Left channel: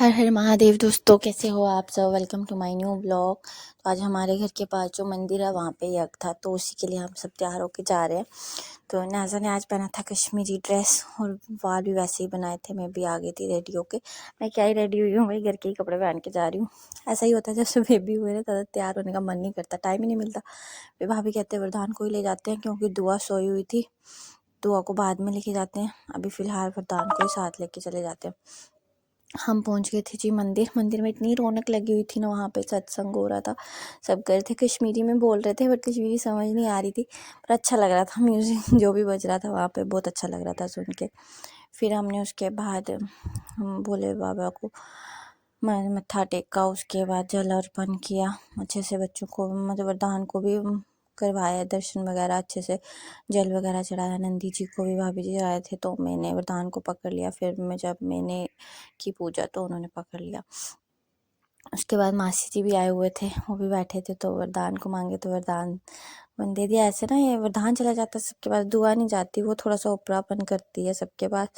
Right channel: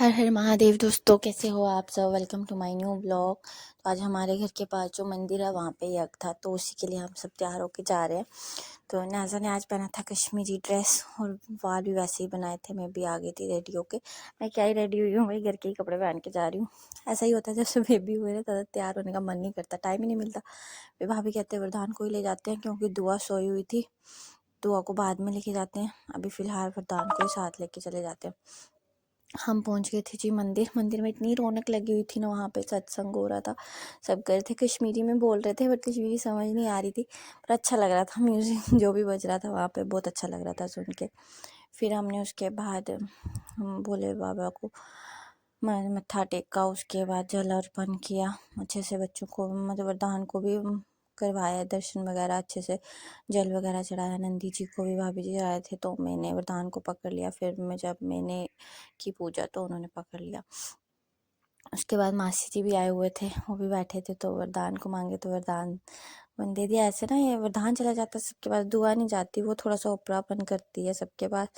हर हर महादेव दोस्तों, कैसे हो आप सब। Welcome to my new blog. तो आज हमारे घर के पास जो मंदिर है वहाँ पे यज्ञ था, तो उसी के लिए हम सब तैयार होके जा रहे हैं। तो नाज़ा ने आज पहना था कश्मीरी ड्रेस और बाल भी वैसे ही बनाए थे। मैं भी आ गई थी रेडी होके। मैं क्या ही रेडी हुई हूँ भाई, घर के ही कपड़े पहन के जा रही हूँ। ऐसा ही होता है, जब से बेबी हुए ना ज़्यादा तैयार होने का मन नहीं करता, टाइम ही नहीं मिलता। फिर भाभी कहते हैं वरदान को ही ले जाते हैं, क्योंकि दुआ सोई हुई थी। दुआ को बाद में लेके जाते हैं, अभी फ़िलहाल वरदान को ही साथ लेके चले जाते हैं। हम पहुंच गए थे जी मंदिर में इतनी रौनक लगी हुई थी ना, वहाँ पे सत्संग हो रहा था। सब गए थे, कश्मीरी में बोल रहे थे बट कश्मीरी समझ नहीं आ रही थी, पर अच्छा लग रहा था म्यूज़िक जो भी बज रहा था वहाँ पे, बहुत अच्छा लग रहा था सुन के। फिर हमने उसके बाद हम भोले बाबा को मत्था टेका, उसके बाद जल अर्पण किया अच्छे से। बच्चों को मतलब वरदान को भी करवाया दर्शन वगैरह अच्छे से, जल वगैरह चढ़ाया। नंदी जी को भी भाभी जी चढ़ाए थे, तो मैंने वरदान को पकड़ लिया। फिर जब मैंने की पूजा तो उन्होंने पकड़ लिया। उसके बाद मासी जी भी आए हुए थे, वो भी बैठे थे, तो वरदान को मांगे तो वरदान मैंने दे दिया। ऐसे ना ये वरदान चला जाता है सबके पास, दुआ नहीं जाती, वो थोड़ा सा उपरापन करती है सबके पास,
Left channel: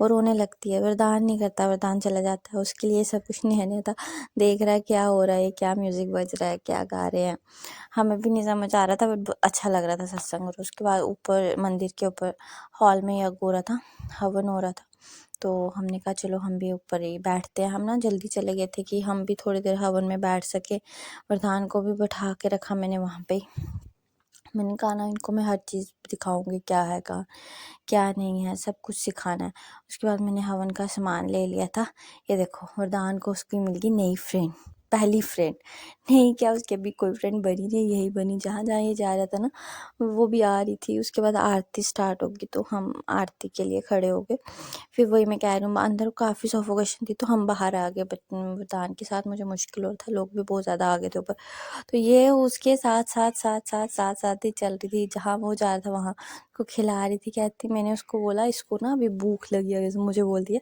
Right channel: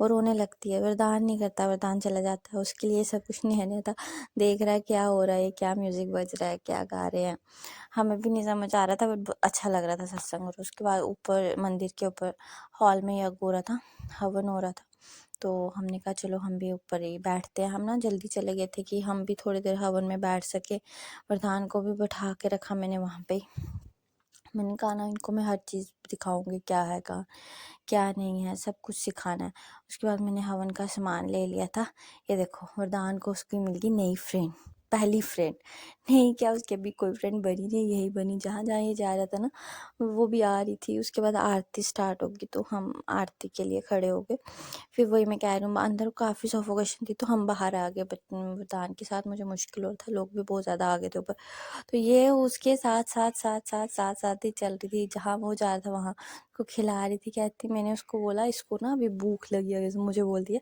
वो रोने लगती है। वरदान नहीं करता, वरदान चला जाता है, उसके लिए सब कुछ नहीं था। देख रहा है क्या हो रहा है, क्या म्यूज़िक बज रहा है, क्या गा रहे हैं, हमें भी नहीं समझ आ रहा था, बट अच्छा लग रहा था सत्संग। और उसके बाद ऊपर मंदिर के ऊपर हॉल में यज्ञ हो रहा था, हवन हो रहा था। तो हमने कहा चलो हम भी ऊपर ही बैठते हैं। हम ना जल्दी चले गए थे कि हम भी थोड़ी देर हवन में बैठ सके। वरदान को भी बैठा के रखा मैंने वहाँ पे। मैंने कहा ना इनको मैं हर चीज़ दिखाऊंगी, क्या है कहाँ क्या नहीं है, सब कुछ सिखाना है। उसके बाद मैंने हवन का सामान ले लिया था। ये देखो वरदान को उसकी मिल गई नई फ्रेंड, पहली फ्रेंड। नहीं क्या, उसकी अभी कोई फ्रेंड बनी नहीं, यही बनी। जहाँ जहाँ ये जा रहा था ना वो भी आ रही थी। उसके बाद आरती स्टार्ट होगी, तो हम आरती के लिए खड़े हो गए। फिर वही मैं कह रही हूँ, अंदर काफ़ी सफोकेशन थी, तो हम बाहर आ गए वरदान के साथ। मुझे मुश्किल हो रहा था, लोग भी बहुत ज़्यादा आ गए थे ऊपर। तो ये उसके साथ ही चल रही थी, जहाँ वो जा रहा था वहाँ को खिला रही थी। कहती, मैंने उसको बोला इसको ना अभी भूख लगी है, जैसे मुझे बोल दिया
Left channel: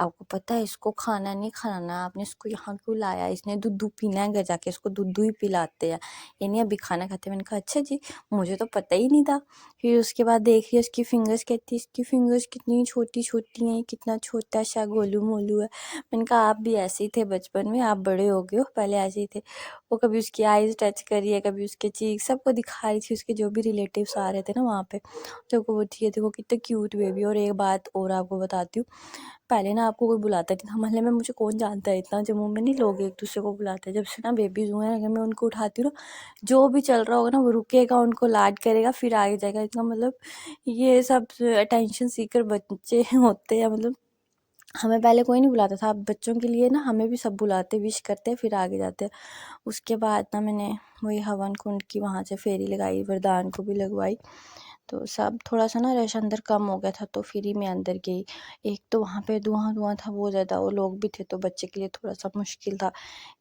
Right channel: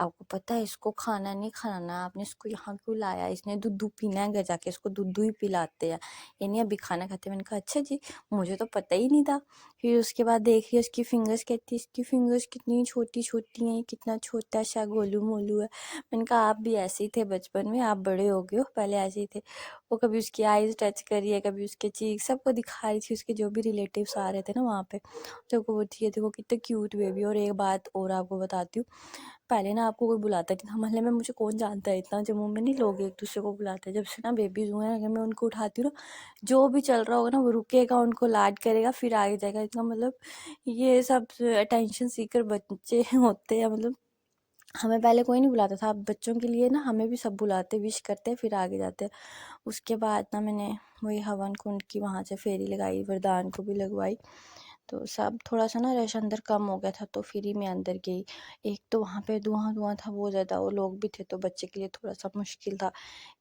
आपको पता है इसको खाना नहीं खाना, आपने इसको यहाँ क्यों लाया, इसने दूध पीना है, घर जाके इसको दूध ही पिलाते हैं, ये नहीं अभी खाना खाते। मैंने कहा अच्छा जी, मुझे तो पता ही नहीं था। फिर उसके बाद देख रही उसकी फिंगर्स, कहती इसकी फिंगर्स कितनी छोटी छोटी हैं, कितना छोटा सा गोलू मोलू है। मैंने कहा आप भी ऐसे ही थे बचपन में, आप बड़े हो गए हो, पहले ऐसे ही थे। वो कभी उसकी आईज टच करी है, कभी उसके चीक, सबको दिखा रही थी। उसके जो भी रिलेटिव्स आ रहे थे ना वहाँ पे, सबको वो थी, देखो कितने क्यूट बेबी। और एक बात और आपको बताती हूँ, पहले ना आपको कोई बुलाता नहीं था मोहल्ले में, मुझे कौन जानता है इतना, जम्मू में नहीं लोग एक दूसरे को बुलाते हैं। जब से ना बेबीज हुए हैं, अगर मैं उनको उठाती हूँ ना, जो भी चल रहा होगा ना वो रुकेगा, उनको लाड करेगा, फिर आगे जाएगा। इसका मतलब ये सब अटेंशन सीकर बच्चे होते हैं। मतलब हमें पहले कोई नहीं बुलाता था, अब बच्चों के लिए ना हमें भी सब बुलाते, विश करते हैं, फिर आगे जाते हैं। उसके बाद ना मैंने वही हवन कुंड की वहाँ से फेरी लगाई, वरदान को भी लगवाई। तो सब थोड़ा सा ना रश अंदर कम हो गया था, तो फिर ही मैं अंदर गई। एक तो वहाँ पे धुआं धुआं था बहुत ज़्यादा, वो लोग भी थे, तो बच्चे के लिए थोड़ा सा मुश्किल था,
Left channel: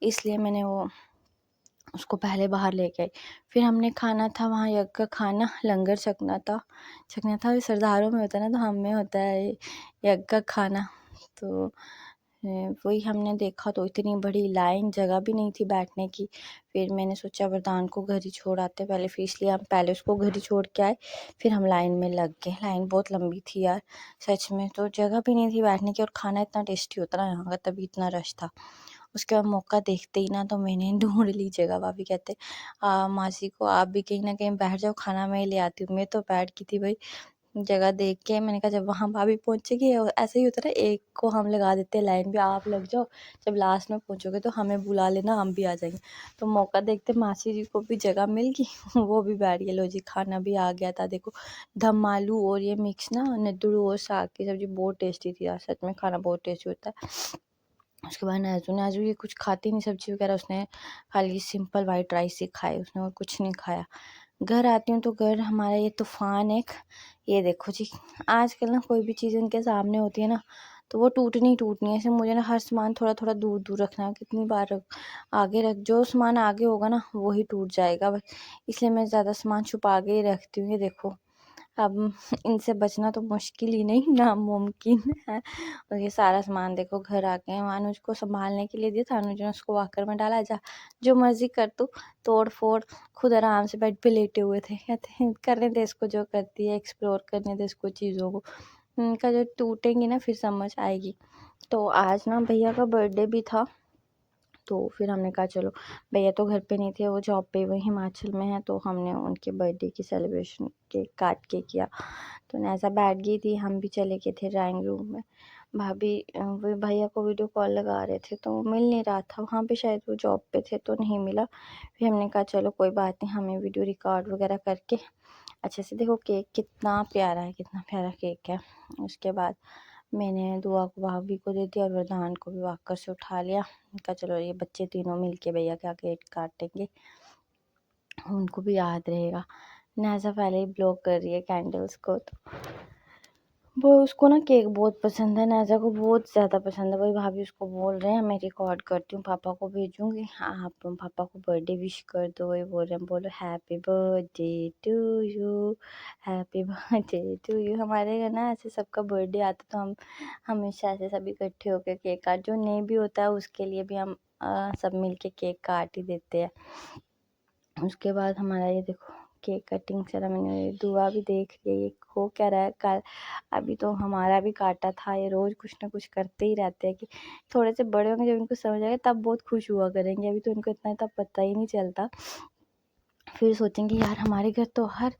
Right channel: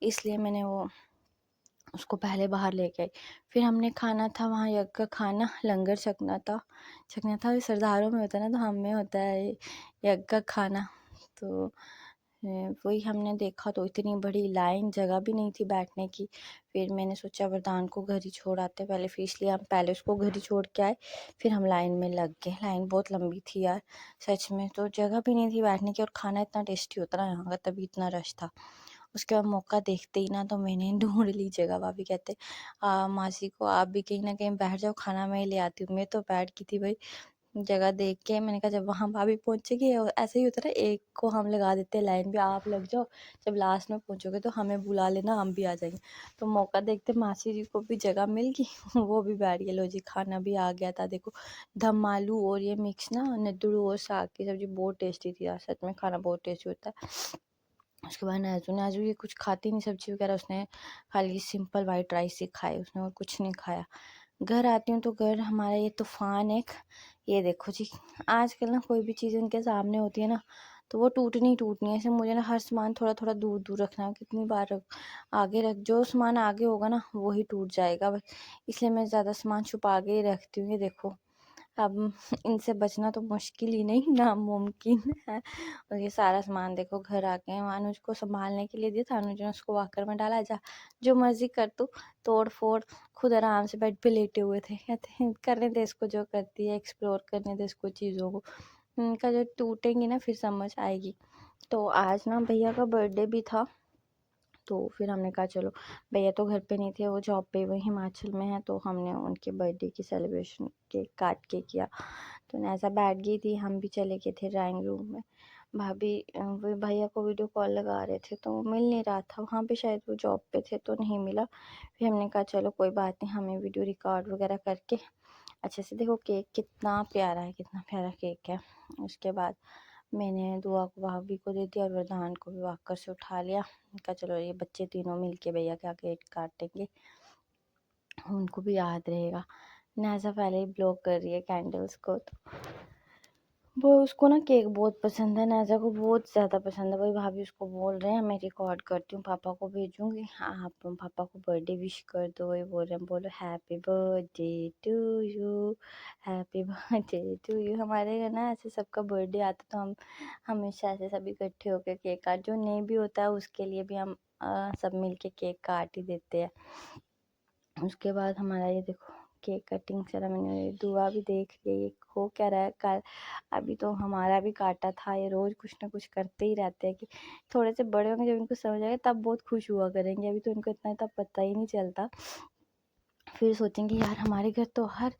इसलिए मैंने वो उसको पहले बाहर लेके आई। फिर हमने खाना था वहाँ, यज्ञ का खाना, लंगर छकना था। सरदारों में होता है ना, तो हम में होता है यज्ञ का खाना। तो वही हमने देखा, तो इतनी बड़ी लाइन, जगह भी नहीं थी बैठने की। फिर मैंने सोचा वरदान को घर ही छोड़ आते पहले, फिर इसलिए हम पहले उसको घर ही छोड़ के आए, फिर हम लाइन में लग गए। लाइन बहुत लंबी थी यार सच में, तो जगह भी नहीं थी बैठने की, और खाना इतना टेस्टी होता ना यहाँ का, तभी इतना रश था। उसके बाद मौका देखते ही ना तो मैंने ढूंढ ली जगह। भाभी कहते मासी को आप भी कहीं ना कहीं बैठ जाओ, खाना मैं ही ले आती हूँ। मैं तो बैठ गई थी भाई जगह देख के। मैंने कहा जब वहाँ भाभी पहुँचेगी, ऐसे ही होता है ना, एक को हम लगा देते हैं लाइन पे, आप लग जाओ, जब लास्ट में पहुँचोगे तो हमें बुला लेना, हम भी आ जाएंगे। तो मौका देखते मासी जी को भी जगह मिल गई वो भी बैठ गए। लो जी, खाना भी आ गया था, देखो दम आलू और ये मिक्स ना नद्दू और साग की सब्जी, बहुत टेस्टी थी यार, सच में खाना बहुत टेस्टी होता है। उसके बाद नाज़ू ये कुछ खाती नहीं सब्जी वगैरह, उसने खाली सिंपल वाइट राइस ही खाए, उसने और कुछ नहीं खाया। घर आती हूँ तो घर हमारा ये तूफान एक, ये देखो जी, आजकल ना कोई भी चीज़ उनके सामने होती है ना तो वो टूटनी ही टूटनी है। ऐसे मुझे ना हर सामान थोड़ा थोड़ा दूर दूर रखना, कितनी बार आगे रख, जो सामान आगे होगा ना वही टूट जाएगा बस, इसलिए मैं ज़्यादा सामान छुपा के ही रखती हूँ। ये देखो अब इनसे बचना तो मुश्किल ही नहीं, नामुमकिन है। और ये सारा सामान देखो घर आ गए। अनुज को संभालने के लिए दिया था, अनुज ने उसको वॉकर में डाला, जा जो मर्जी कर तू, तोड़ फोड़, खुद आराम से बेड पे लेटे हुए थे। कहते हैं करने दे इसको जो करती है, एक्सप्लोर करने दे इसको चीज़ों को, उनका जो टूटेंगी ना फिर समझ आएगी। तो आज ना भैया का बर्थडे भी था, तो फिर हमने कहा चलो, भैया तो घर पे नहीं थे, वो जॉब पे, वो हिमाचल में है, तो हमने उनके बर्थडे की सेलिब्रेशन केक काट के किया। तो ऐसा बैठ गई थी, हम भी चले गए थे ड्राइंग रूम में। भाभी वो भैया को वीडियो कॉल लगा रहे थे, तो वो मिल नहीं रहा था वहाँ पे, शायद वो जॉब पे थे तो नहीं मिला। फिर हमने कहा चलो कोई बात नहीं, हमें वीडियो रिकॉर्ड वगैरह करके अच्छे से, देखो केक कितना प्यारा है, कितना प्यारा केक है। उसके बाद मैंने दुआ को भाभी को दे दिया और वरदान को भी वाकर से उठा लिया। कहा चलो ये बच्चे तीनों मिलके भैया का केक काटेंगे, उनको भी याद रहेगा। नाज़ा पहले ही ब्लॉक कर रही है कैंडल्स को, तो वो उसको ना केक बहुत पसंद है, नाज़ा को बहुत ज़्यादा पसंद है। वही भाभी उसको बोल रहे हैं मैं रिकॉर्ड करती हूँ, पापा को भेजूँगी, आप पापा को बर्थडे विश कर दो। वही बोल रहे हैं, बोलो happy birthday to you, happy birthday to you. हमारे घर ना ऐसे सबका बर्थडे आता तो हम हमेशा ऐसे सभी इकट्ठे होकर केक काट, जो नहीं भी होता है उसके लिए भी हम सब मिल के केक काट ही देते हैं। उसके बाद हमारा ये देखो केक कटिंग सेरेमनी, दुआ भी देख रही है ये हो क्या रहा है। कल अभी तो हमारा भी काटा था, ये रोज़ कुछ ना कुछ करते ही रहते हैं कि थोड़े से बड़े होंगे, जब इनको समझ आएगा तब बहुत खुश हुआ करेंगे, अभी तो इनको इतना तब पता ही नहीं चलता। फिर सोचेंगे यार हमारे घर तो हर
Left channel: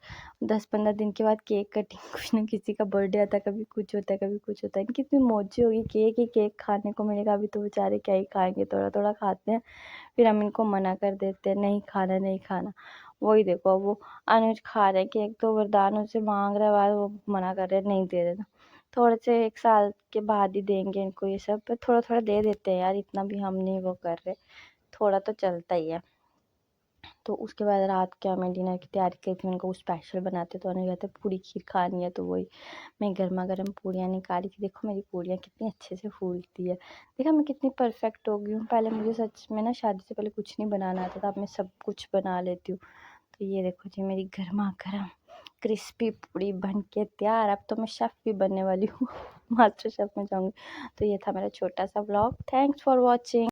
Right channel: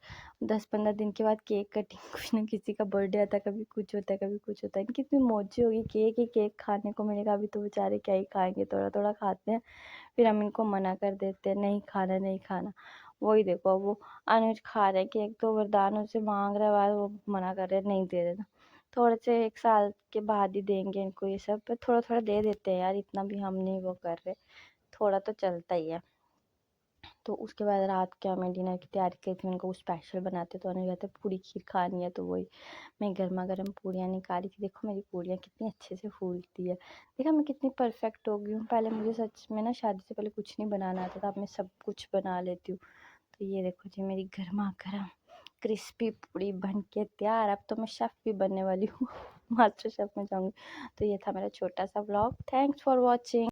10-15 दिन के बाद केक कटिंग, कुछ ना किसी का बर्थडे आता है, कभी कुछ होता है कभी कुछ होता है। इनकी इतनी मौजी होगी, केक ही केक खाने को मिलेगा। अभी तो बेचारे क्या ही खाएंगे, थोड़ा थोड़ा खाते हैं, फिर हम इनको मना कर देते हैं नहीं खाना नहीं खाना। वही देखो अब वो अनुज खा रहे हैं केक, तो वरदान उनसे मांग रहा है, बाद वो मना कर रहे हैं नहीं दे रहे। थोड़े से 1 साल के बाद ही देंगे इनको ये सब, पर थोड़ा थोड़ा दे देते हैं यार, इतना भी हम नहीं वो कर रहे, थोड़ा तो चलता ही है। तो उसके बाद रात क्या मैं डिनर की तैयारी की थी, उनको कुछ स्पेशल बनाते, तो उन्होंने कहते पूरी खीर खानी है, तो वही मैं गर्मा गर्म पूड़ियाँ निकाली थी। देखो मेरी पूड़ियाँ कितनी अच्छे से फूलती है, देखा मैं कितनी परफेक्ट हो गई हूँ। पहले मुझे सच में ना शादी से पहले कुछ नहीं बनाना आता था, अब मैं सब कुछ बना लेती हूँ। तो ये देखो जी मेरी गर्मा गर्म क्रिस्पी पूड़ी बन के तैयार। अब तो मैं शेफ़ भी बनने वाली हूँ, मास्टर शेफ़ में जाऊँगी। तो ये था मेरा छोटा सा ब्लॉग, थैंक्स फॉर वॉचिंग।